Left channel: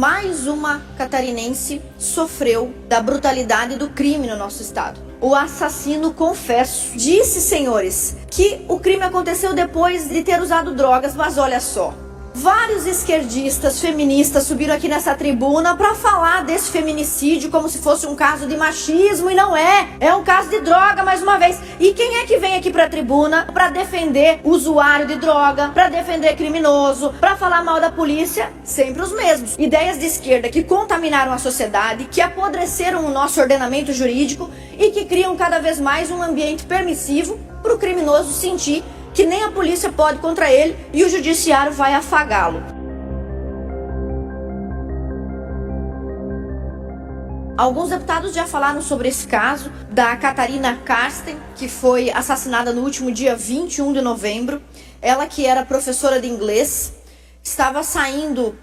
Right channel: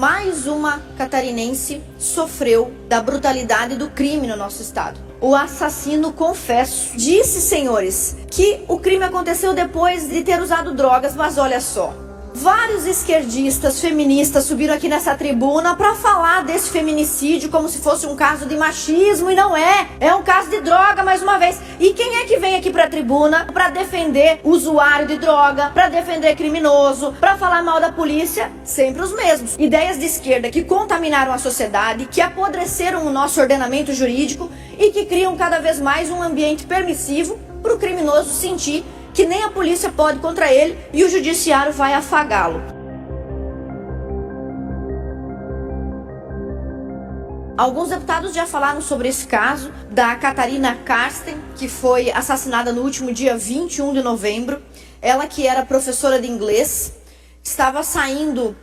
mais uma catarinense sofreu da brutalidade do crime no nosso estado. O assassino confesso disse, senhores, que o crime aconteceu depois de ter usado drogas, mas olha só. Vários esquerdistas, feministas subiram aqui nessa tribuna para falar desse feminicídio como se fosse um caso de machismo, e não é. É um caso de droga, mais uma vez. E quem é que vem aqui para a tribuna para defender usuário de droga, para defender criminoso, para falar mal da polícia? Sempre os mesmos. Ideias de esquerda que contaminaram a sociedade, que apodreceram o nosso ordenamento jurídico e que criam cada vez mais um ambiente permissivo para o criminoso sentir que nem a polícia pode contra ele e o judiciário vai afagá-lo. Alguns deputados já falaram sobre esse caso da Catarina Karsten, que foi assassinada no último dia 21 de novembro. Ela, que era professora de inglês, estava saindo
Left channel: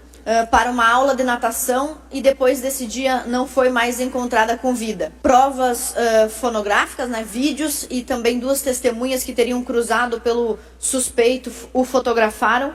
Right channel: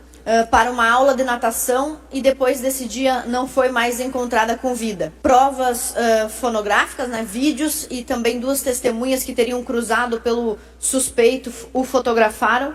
para uma aula de natação e depois desse dia não foi mais encontrada com vida. Provas fonográficas, vídeos, e também duas testemunhas que teriam cruzado pelo suspeito o fotografaram,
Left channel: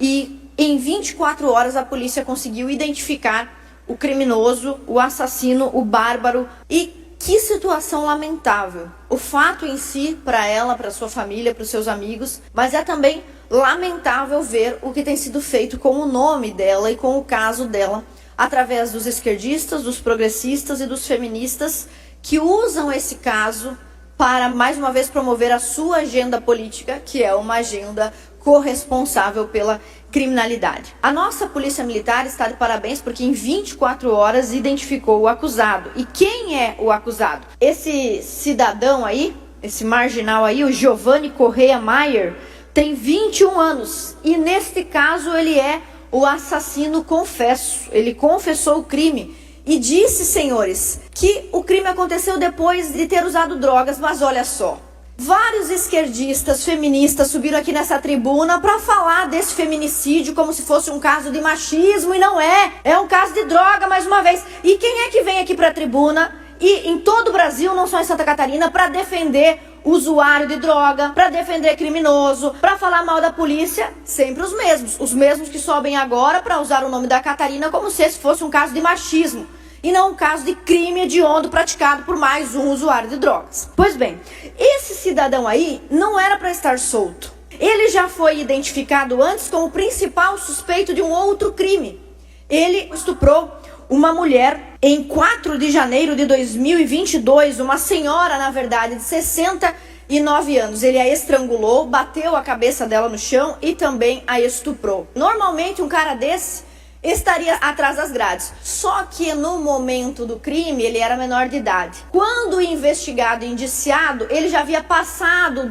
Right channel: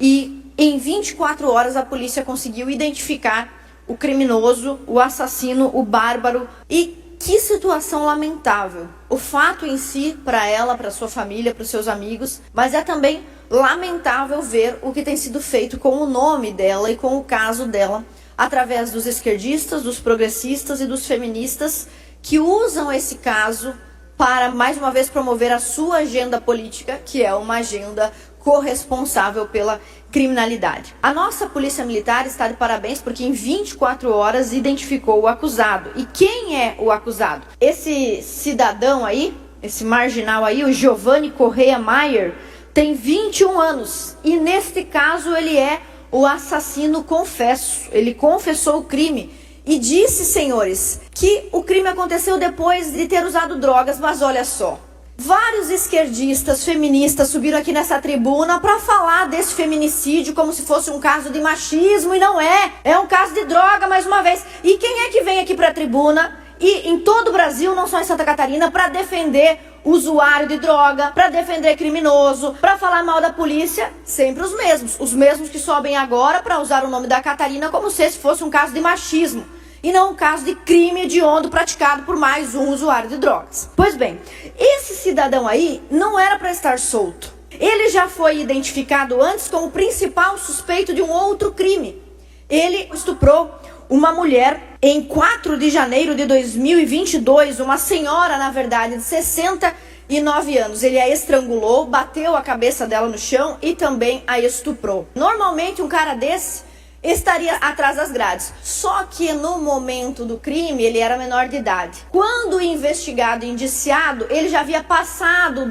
e em 24 horas a polícia conseguiu identificar o criminoso, o assassino, o bárbaro. E que situação lamentável. O fato em si, para ela, para sua família, para os seus amigos, mas é também lamentável ver o que tem sido feito com o nome dela e com o caso dela, através dos esquerdistas, dos progressistas e dos feministas que usam esse caso para, mais uma vez, promover a sua agenda política, que é uma agenda corresponsável pela criminalidade. A nossa polícia militar está de parabéns porque em 24 horas identificou o acusado. E quem é o acusado? Esse cidadão aí, esse marginal aí, o Giovanni Correia Maier, tem 21 anos e neste caso ele é o assassino confesso. Ele confessou o crime e disse, senhores, que o crime aconteceu depois de ter usado drogas, mas olha só. Vários esquerdistas, feministas subiram aqui nessa tribuna para falar desse feminicídio como se fosse um caso de machismo, e não é. É um caso de droga, mais uma vez. E quem é que vem aqui para a tribuna e em todo o Brasil, não só em Santa Catarina, para defender usuário de droga, para defender criminoso, para falar mal da polícia? Sempre os mesmos que sobem agora para usar o nome da Catarina como se esse fosse um caso de machismo e não um caso de crime hediondo praticado por mais um usuário de drogas. Pois bem, esse cidadão aí não era para estar solto. Ele já foi identificado antes como o principal suspeito de um outro crime. Ele estuprou uma mulher em 4 de janeiro de 2022, uma senhora, na verdade, de 69 anos. Ele a estrangulou, bateu a cabeça dela no chão e também a estuprou. Normalmente, um cara desse estaria atrás das grades. Só que no momento do crime, ele era menor de idade. Quando investigado e indiciado, ele já havia passado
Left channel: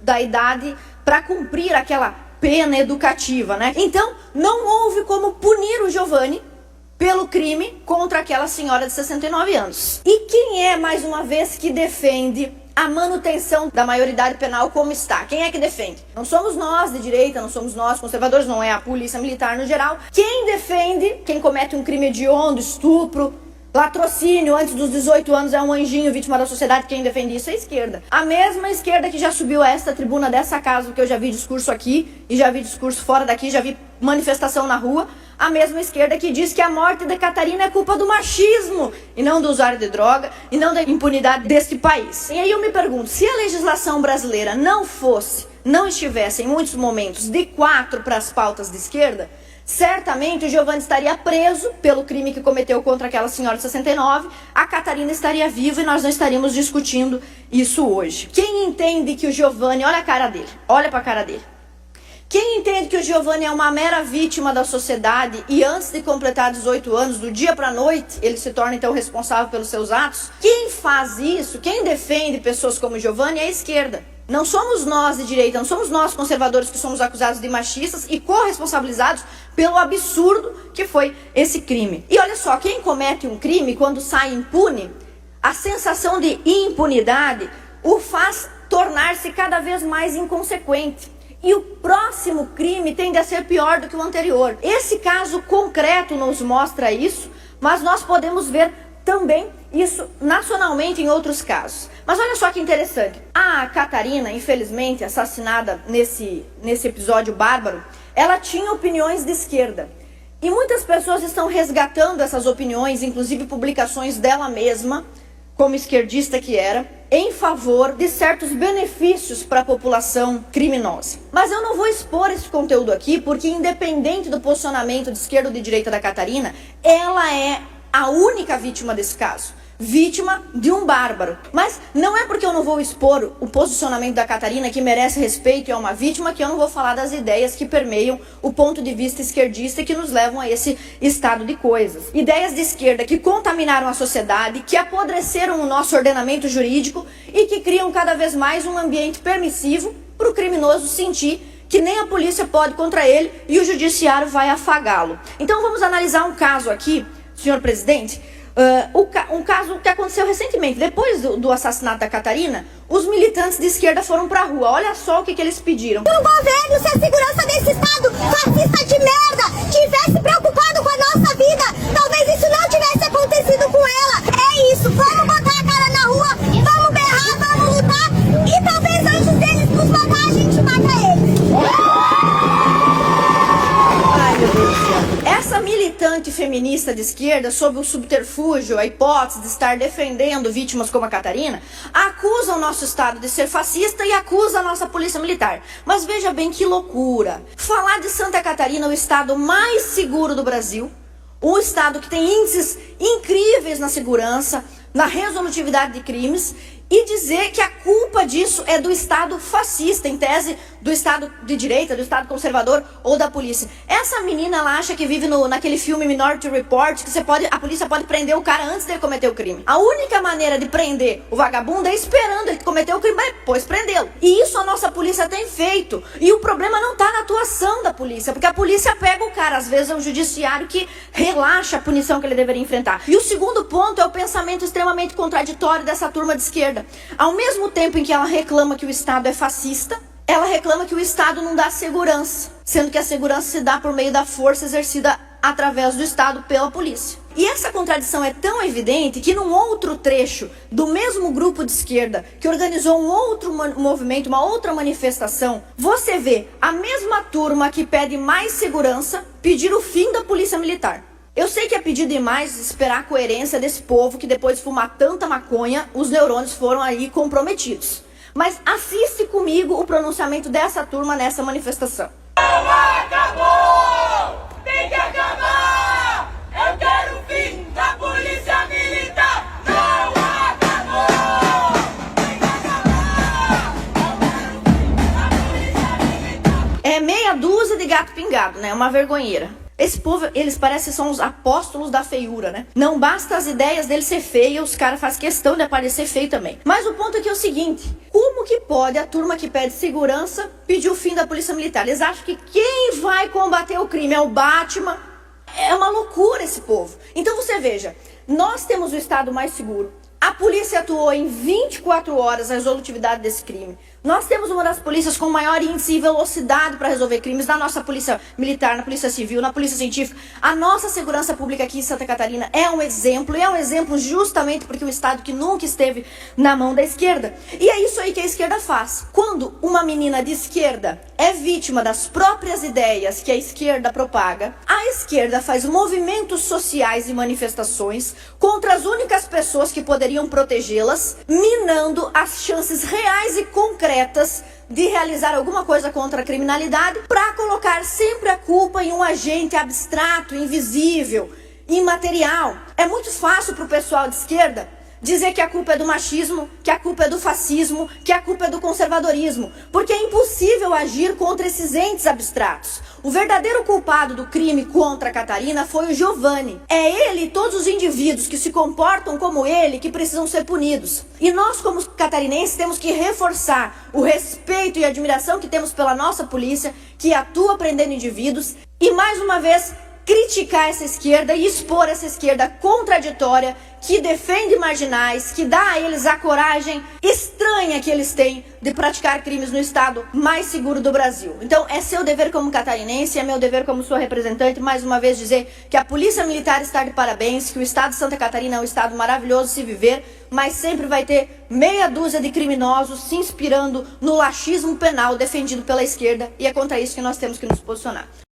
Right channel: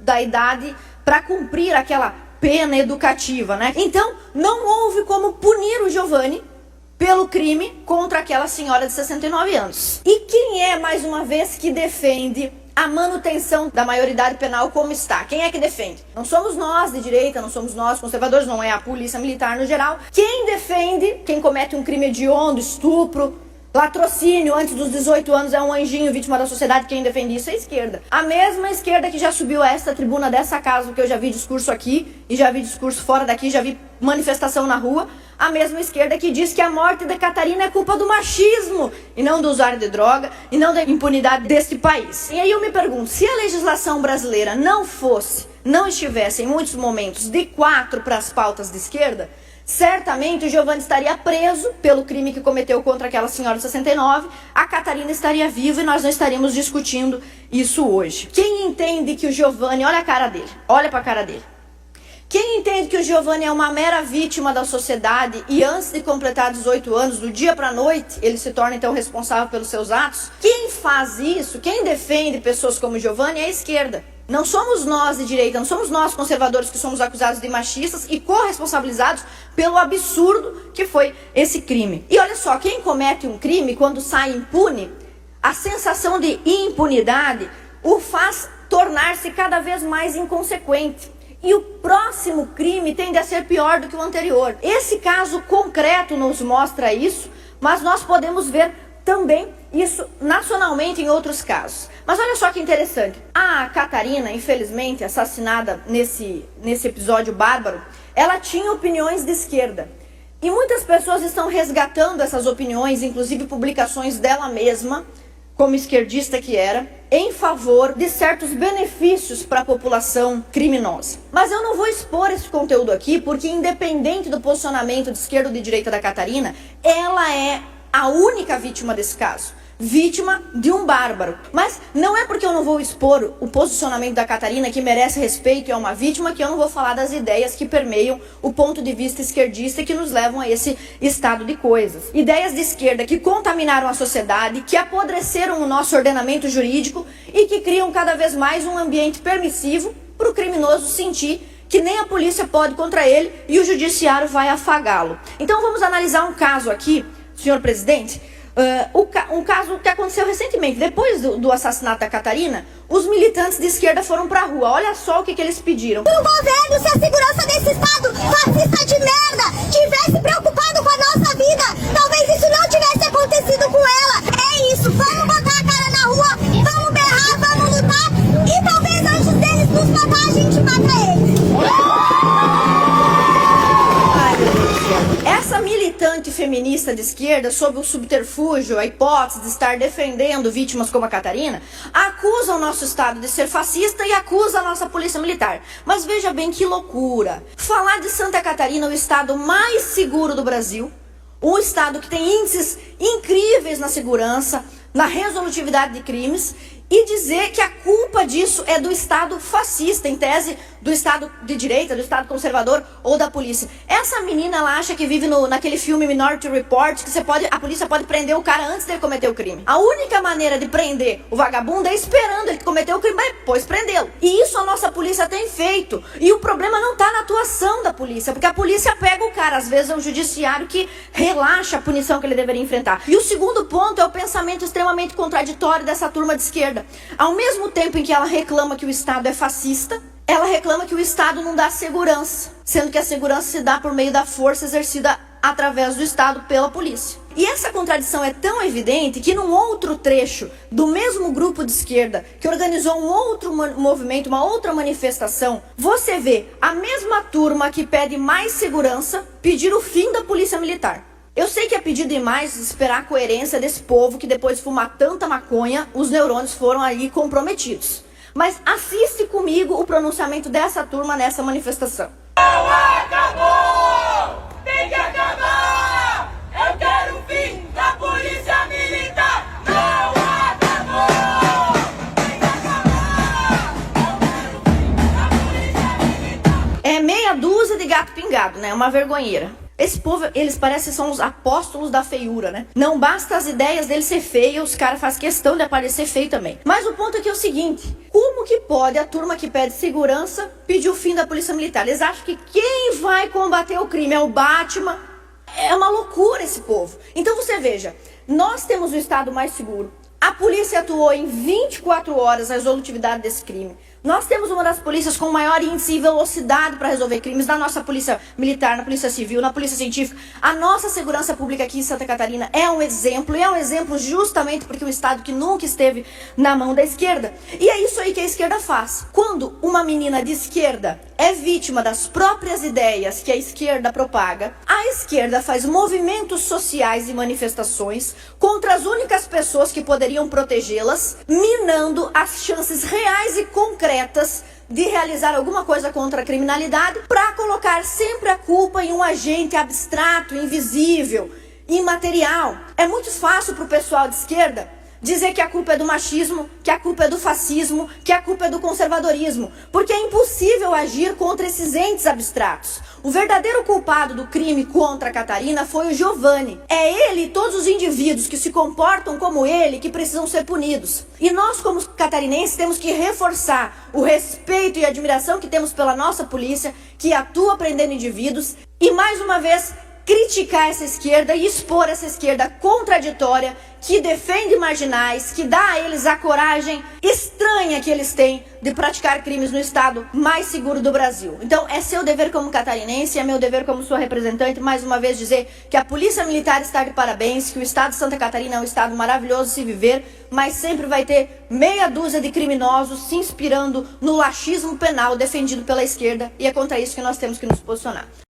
da idade para cumprir aquela pena educativa, Então, não houve como punir o Giovanni pelo crime contra aquela senhora de 69 anos. E quem é, mais uma vez, que defende a manutenção da maioridade penal como está? Quem é que defende? Não somos nós de direita, não somos nós conservadores, não é a polícia militar no geral. Quem defende, quem comete um crime hediondo, estupro, latrocínio antes dos 18 anos, é um anjinho vítima da sociedade, quem defende isso é a esquerda. A mesma esquerda que já subiu a esta tribuna dessa casa, que eu já vi discurso aqui e já vi discurso fora daqui, já vi manifestação na rua. A mesma esquerda que diz que a morte de Catarina é culpa do machismo e não do usuário de droga e não da impunidade deste país. E aí eu me pergunto, se a legislação brasileira não estivesse em muitos momentos de 4 para as pautas de esquerda, certamente o Giovanni estaria preso pelo crime que cometeu contra aquela senhora de 69, a Catarina estaria viva e nós não estaríamos discutindo isso hoje. Quem entende que o Giovanni, olha a cara dele, olha para a cara dele. Quem entende que o Giovanni é uma mera vítima da sociedade e antes de completar 18 anos, do dia para a noite, ele se torna então responsável pelos seus atos? Quem faz isso, quem defende pessoas como o Giovanni é a esquerda. Não somos nós de direita, não somos nós conservadores que somos acusados de machistas e corresponsabilizados pelo absurdo que foi esse crime. E olha só, quem comete um crime, quando sai impune, a sensação de impunidade o faz tornar-se cada vez mais inconsequente. E o próximo crime tende a ser pior do que o anterior. Esse caso concreto nos mostra isso, mas nós podemos ver também isso nacionalmente em outros casos. Mas olha só que interessante. A Catarina, infelizmente, assassinada nesse episódio bárbaro, ela tinha opiniões de esquerda. E muitas pessoas estão resgatando essas opiniões, inclusive publicações dela mesma, como esquerdista que era, em favor de certos benefícios para a população criminosa. Mas eu não vou expor esse conteúdo aqui, porque independente do posicionamento de esquerda ou de direita da Catarina, ela é a única vítima desse caso. Vítima de um bárbaro. Mas não é porque eu não vou expor o posicionamento da Catarina, que merece respeito e é uma vítima, que eu não vou falar das ideias que permeiam o ponto de vista esquerdista e que nos levam a esse estado de coisas. Ideias de esquerda que contaminaram a sociedade, que apodreceram o nosso ordenamento jurídico e que criam cada vez mais um ambiente permissivo para o criminoso sentir que nem a polícia pode contra ele e o judiciário vai afagá-lo. Então vamos analisar um caso aqui, senhor presidente. Um caso que aconteceu recentemente. Depois do assassinato da Catarina, os militantes de esquerda foram pra rua. Olha só o que eles pediram. O governo, se a segurança desse estado fascista de merda tivesse preocupado com a nossa vida, talvez isso não tivesse acontecido com ela. É isso, vamos botar a cara na rua, vamos berrar, vamos lutar e talvez antes deles nos matar, a gente mata eles. Essa militante feminista de esquerda, sob o subterfúgio, a hipótese de estar defendendo vítimas como a Catarina, acusa o nosso Estado de ser fascista e acusa a nossa polícia militar. Mas veja bem que loucura. Falar de Santa Catarina, o estado mais seguro do Brasil, um estado que tem índices incríveis na segurança, na resolutividade de crimes, e dizer que a culpa disso é do Estado fascista, em tese do Estado de direita, do Estado conservador ou da polícia. Essa menina, ela acha que vive naquele filme Minority Report, que a polícia pode prender o cara antes dele cometer o crime. A única maneira de prender o vagabundo é esperando ele cometer o crime, mas depois prendê-lo. E isso a nossa polícia tem feito. E o problema não está na atuação da polícia, porque a polícia pega o cara. Às vezes é o judiciário que relaxa a punição que ele deveria enfrentar. E o segundo ponto é o pensamento extremamente contraditório dessa turma de esquerda. Ao mesmo tempo em que ela reclama que o Estado é fascista, ela reclama que o Estado não dá segurança, sendo que a segurança se dá por meio da força exercida através do Estado pela polícia. E essa contradição é tão evidente que num outro trecho do mesmo grupo de esquerda que organizou um outro movimento, uma outra manifestação, você vê a mesma turma que pede mais segurança pedir o fim da polícia militar. Eu sei que é pedir demais esperar a coerência desse povo que depois de fumar tanta maconha, os neurônios foram aí comprometidos. Mas assiste comigo o pronunciamento dessa turma nessa manifestação. Não acabou! Tem que acabar! Eu quero o fim da polícia militar! Não acabou! Tem que acabar! Eu quero o fim da polícia militar! É meia dúzia de gato pingado, né? Uma vergonheira. Esse povo, eles parecem que são os apóstolos da feiura, né? Não basta as ideias deles ser feias, os caras fazem questão de aparecer feio também. Mas o ponto aqui é o seguinte: como que pode a turma que pede segurança pedir o fim da polícia militar? Eles acham que quem vai combater o crime é o Batman? É uma loucura esse povo. Então você veja, nós temos o estado mais seguro. A polícia atuou em 24 horas na resolutividade desse crime. Nós temos uma das polícias com maior índice e velocidade para resolver crimes, na nossa polícia militar, na polícia civil, na polícia científica. A nossa segurança pública aqui em Santa Catarina é um exemplo, e é um exemplo justamente porque é um estado que nunca esteve na mão da esquerda. E é isso aí que a esquerda faz. Quando uma menina de esquerda é vítima das próprias ideias que a esquerda propaga, a esquerda faz movimentos sociais e manifestações contra as únicas pessoas que poderiam protegê-las, minando as chances reais e concretas de realizar alguma coisa contra a criminalidade, para colocar sempre a culpa em um agente abstrato, invisível, imaterial. É muito fácil para o pessoal de esquerda dizer que a culpa é do machismo, que a culpa é do fascismo, que a culpa é do conservadorismo, porque é impossível agir contra esses entes abstratos. O verdadeiro culpado do crime contra a Catarina foi o Giovanni. É ele e todos os indivíduos que se comportam como ele que precisam ser punidos. E nós, como catarinenses, temos que reforçar o respeito e admiração que temos pela nossa polícia, que atua prendendo indivíduos, e mais uma vez criticar essa esquerda e expor essa esquerda contraditória, que defende marginais, que dá a eles a coragem estranha que eles têm de praticar crimes no estado mais seguro do Brasil. Então é seu dever como catarinense, é meu dever como sua representante, mais uma vez dizer que a Polícia Militar está de parabéns, que o estado de Santa Catarina é um estado maravilhoso de se viver, mas sempre vai ter meia dúzia de criminosos se inspirando no laxismo penal defendido pela esquerda, e é contra isso que nós temos que nos posicionar.